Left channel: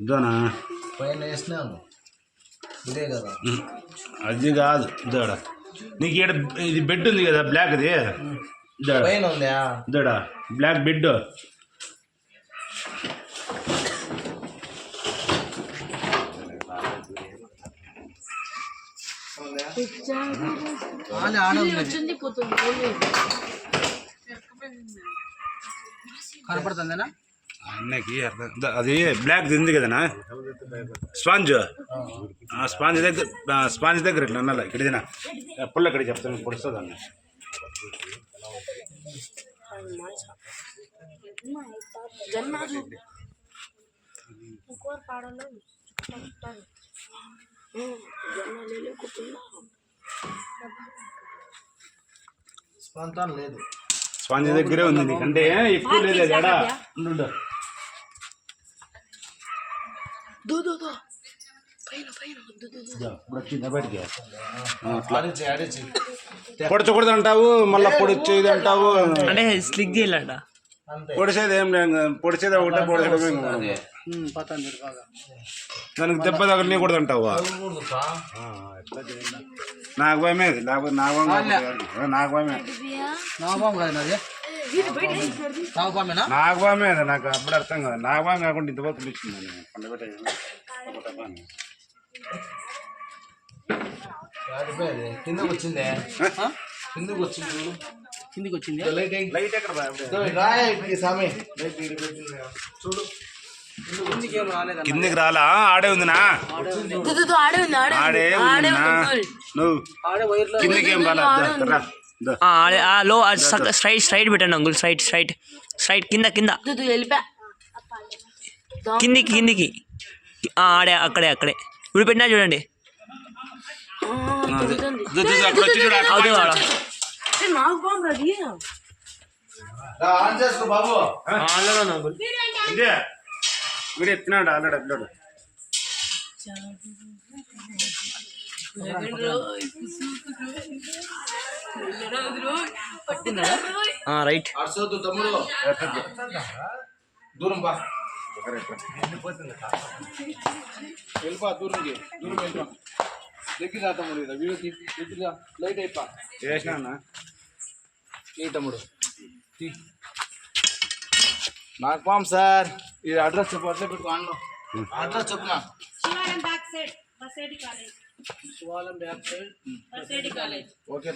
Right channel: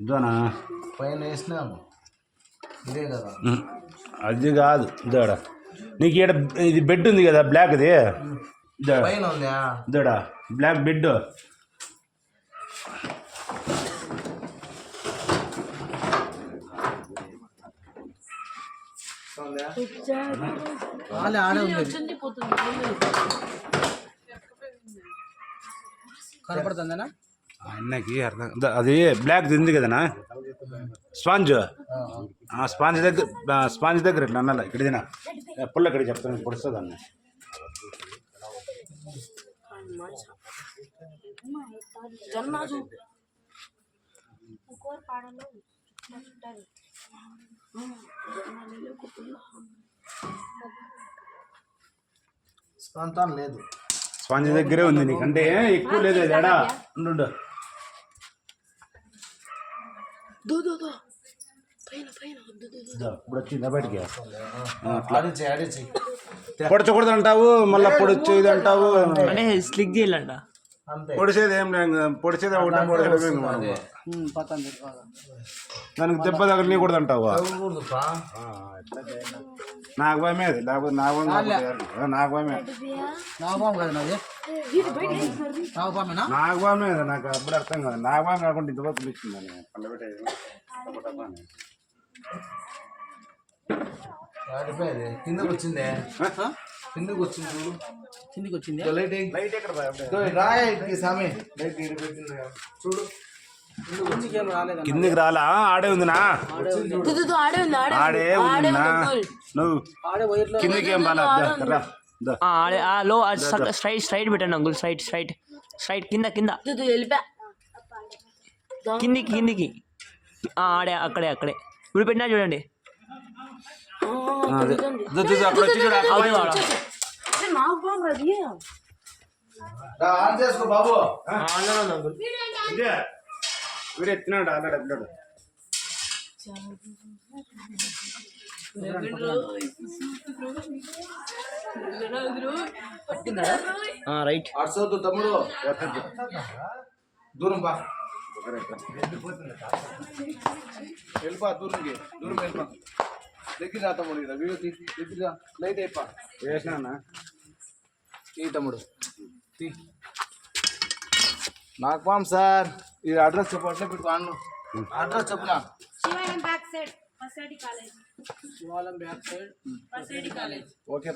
ఇదోనా పైన వేసినాను ఇదే కదా అది కాదు ఇదోడా నీకు ఇక్కడ ఇది బెడ్ ఉంది కదా బ్లాక్ ఇది పైన ఉందా ఇదోడా బ్లాక్ బెడ్ కనపడుతుందేనా అన్నకి అది బ్లాక్ ఉంది కదనా స్పాంజ్ స్పాంజ్ దగ్గర ఇట్లా అన్నలా ఇక్కడిదినా పుల్ల ఇక్కడ చెప్తాను పొడుస్తుంది అన్న స్పందన లేదు స్పాంజ్ దగ్గరే ఉంది నీకు అంటే ఎక్కువ లేదు ఎడా ఉండు ఇప్పుడు వచ్చిందా బయటికి పొడచకూడదు అంటావు మళ్ళీ పొడిచేది అంటావు అంటే స్లిక్ చేయాలంట పొడిచేది ఏం లేదు పొడిచేది ఒకటే పొడిచేది దానికి దెబ్బ తగలకూడదు అంటావు నాకు భయమే లేకపోతే నాకు భయమే నాకు అప్పుడు అర్థం కాదు నాకు భయం కాకుండా ఇంతవరకు పిలిచిందని పండబెట్టే కిందకి వచ్చిందే కిందకి వచ్చింది కిందికి వచ్చింది లైట్ ఎక్కడ సామి చూడు కిందికి రాలా ఆడే ఉందినా ఆడే నువ్వు కిందికి ఏం రాలా లో స్ట్రైట్ పెట్టండి అంకుల్ స్ట్రైట్ కింద కిందికి ఆడే అక్కడే ఇప్పుడు పెట్టినా చూడండి బాబు వీడు ఎత్తినాడు ఆల్రెడీ అప్లోడ్ రైట్ అర్సొద్దు తమ్ముడు దూరం బా వెళ్ళిపా దూరం వెళ్ళిపా దగ్గర రా తమ్ముడు ఇదా వీడియో దగ్గర లైట్ అయిపా వేసినా అన్న ఈ తమ్ముడు నాకు పాం సార్ ఇది అడ్రస్ చెప్పు అట్లా పెట్టుకో ఆన్లో అడ్రస్ చెప్పునా శివాలయం బ్యాక్ సైడ్ ఓకే